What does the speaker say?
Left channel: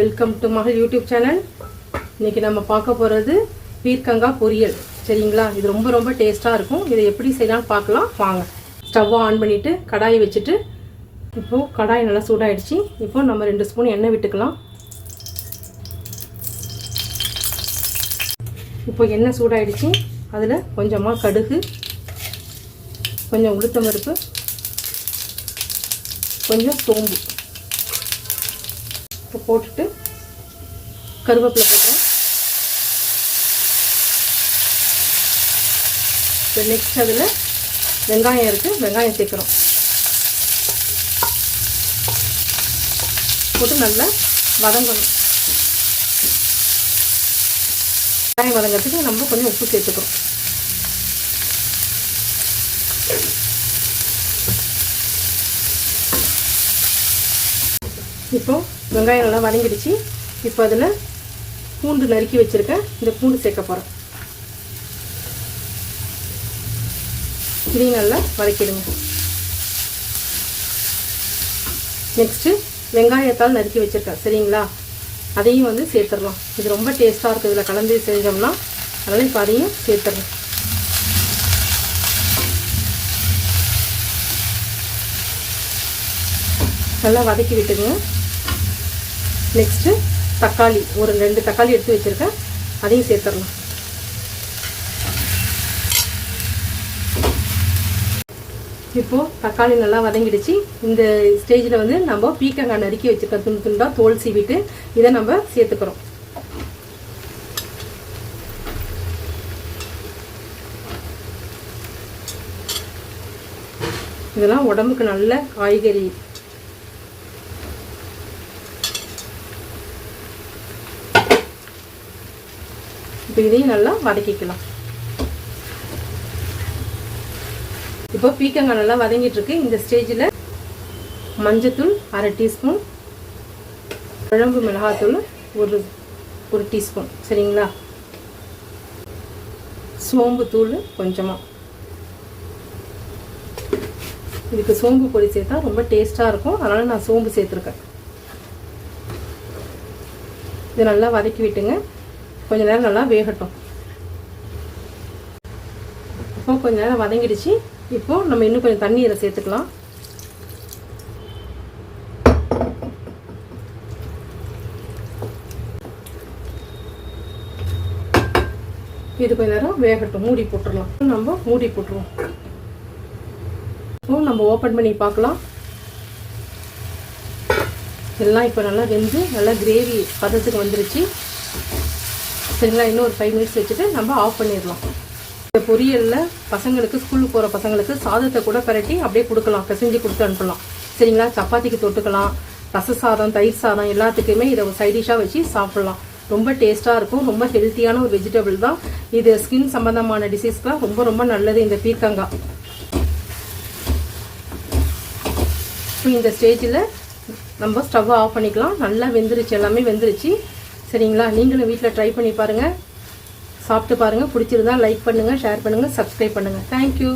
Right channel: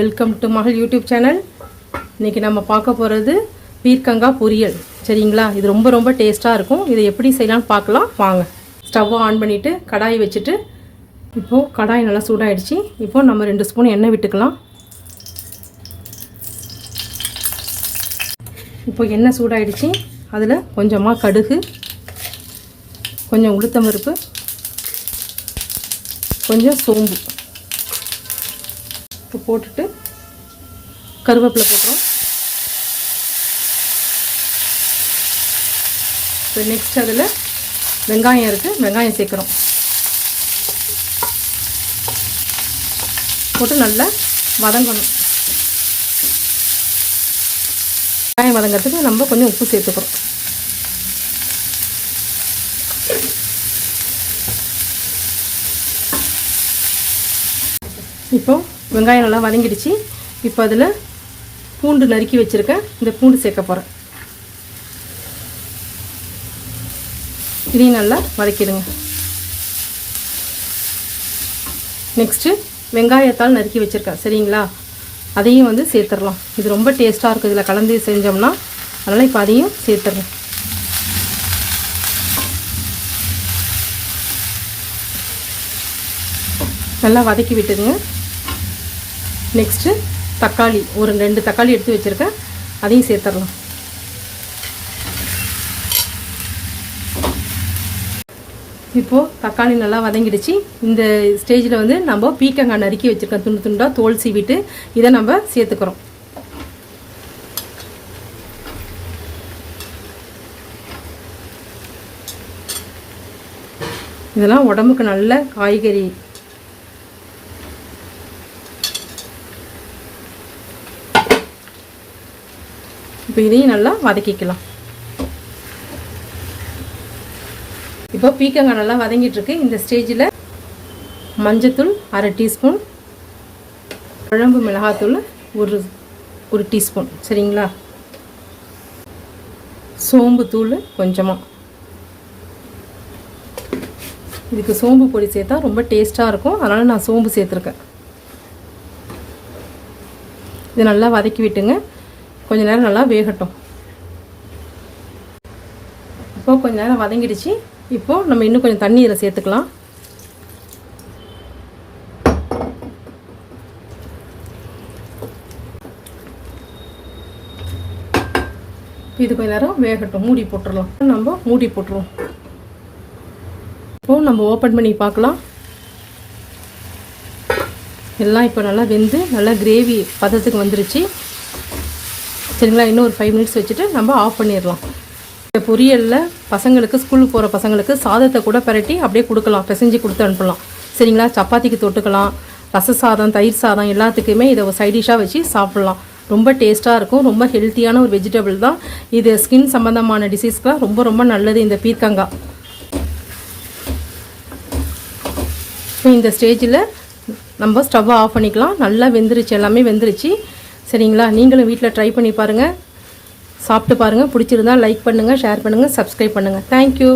Welcome to மகள் YouTube channel. இன்றைக்கி நம்ம பார்க்க போகிறது பீர்க்கங்காய் பொரியல். சரிங்களா, இது ரொம்ப ரொம்ப டேஸ்ட்டாக இருக்கும். இதை எப்படி செய்யலாம்னு பார்க்கலாம் வாங்க. ஸ்டவ்வை ஆன் பண்ணிவிட்டு கடாயை வச்சுட்டு, இப்போது கடாய் நல்லா சூடாகிடுச்சு. இப்போது நம்ம 2 ஸ்பூன் எண்ணெய் விட்டுக்கலாம். இப்போ எண்ணெய் சூடாகிடுச்சு. அதில் கொஞ்சமாக கடுகு, கொஞ்சம் உளுத்தம் பருப்பு, கொஞ்சம் சோம்பு இப்போ போட்டுட்டு கருவேப்பிலை போட்டுறோம். இப்போ நெக்ஸ்ட் அதில் வெங்காயம் இருக்குது, வெங்காயம் சேர்க்குறோம். போட்டு நல்லா வதங்கணும். வெங்காயம் வதங்கிறதுக்கு நம்ம கொஞ்சம் உப்பு சேர்த்துக்கிறோம். இப்போ வெங்காயம் நல்லா வதங்கிடுச்சு. இப்போ அதில் பூண்டு நறுக்கி வச்சுருக்கேன். இந்த பூண்டு சேர்க்க போகிறேன். இதையும் நல்லா வதக்கிடுங்க. நெக்ஸ்ட்டு வெங்காயத்தால் நறுக்கி வச்சுருக்கேன். சரிங்களா, அதையும் வந்து சேர்த்துடலாம். இது ரொம்ப டேஸ்ட்டாக இருக்குது இதில் கலந்து செஞ்சோம்னா. அதனால் இப்போ அதையும் சேர்த்துடலாம். நல்லா வதக்கி விட்டுடுங்க. நெக்ஸ்ட்டு தக்காளி, ஒரு 2 தக்காளி எடுத்து வச்சுருக்கேன். அதையும் சேர்த்துடலாம். இப்போது தக்காளி நல்லா வதங்கிடுச்சு. இந்த ஸ்டேஜில் வந்து நம்ம பீர்க்கங்காய் நறுக்கி வச்சுருக்கோம். துண்டு துண்டாக தோல் சீவிட்டு இதை நம்ம சேர்த்துக்கிறோம். இதெல்லாம் உடம்புக்கு நல்ல காய்கறி. இப்போ இதையும் நல்லா வதக்கிக்கலாம். இப்போ பீர்க்கங்காய் நல்லா வதங்கிட்டு இருக்கு. இந்த ஸ்டேஜில் மஞ்சத்தூள் 1/2 டீஸ்பூன், குழம்பு மிளகாத்தூள் ஒரு டீஸ்பூன். சரிங்களா, சோம்பு தூள் கொஞ்சமாக. இதுக்கு சோம்பு பொடி சேர்த்தா ரொம்ப டேஸ்ட்டாக இருக்கும். அதனால் நான் சோம்பு சேர்த்துருக்கேன். இது நல்லா வதக்கி விட்டுங்க. கொஞ்ச நேரம் நல்லா வேகட்டும். இப்போ கொஞ்ச நேரம் வதங்கிடுச்சு. இப்போது நம்ம இன்னும் கொஞ்சம் தண்ணி இதில் சேர்த்துக்கலாம். இது கொஞ்ச நேரம் வேகட்டும். மூடி போட்டுடலாம். நம்ம மூடி போட்டுருவோம். இப்போ நம்ம ஓப்பன் பண்ணி பார்க்கலாம். எல்லாம் இப்போ நல்லா வெந்து நல்லா கிரேவி பதத்துக்கு வந்துருச்சு. சரிங்களா, இன்னும் ஒரு 5 மினிட்ஸ் வச்சுட்டு நம்ம ஆஃப் பண்ணிடலாம். இந்த பொரியலில் பசங்களுக்கு, ஸ்கூலுக்கு போகிற பசங்களுக்கு சாதத்தை கூட பரட்டி அப்படியே கொடுக்கலாம், பிசைஞ்சு கொடுத்து அனுப்பலாம். சரிங்களா, சப்பாத்திக்கு தொட்டுக்கலாம், ரச சாதம், தயிர் சாதம் எல்லாத்துக்குமே இதை ஒரு சைடிஷாக வச்சு சாப்பிட்லாம். ரொம்ப டேஸ்ட்டாக இருக்கும். ரொம்ப ஹெல்த்தியான ஒரு வெஜிடபிள் தான் இது. ஸ்கின் சம்மந்தமான டிசீஸ்க்குலாம் ரொம்ப ரொம்ப நல்லது இந்த பீர்க்கங்காய். இந்த ஸ்டேஜில் நம்ம ஸ்டவ்வை ஆஃப் பண்ணிக்கலாம். நல்லா வெந்துருச்சு, எல்லாமே வெந்துருச்சு. சரிங்களா, நீங்களும் வீட்டில் ட்ரை பண்ணி பாருங்கள், சாப்பிட்டு பாருங்கள். பிடிச்சிருந்தா லைக் பண்ணுங்கள், ஷேர் பண்ணுங்கள், சப்ஸ்கிரைப் பண்ணுங்கள். தேங்க்யூ.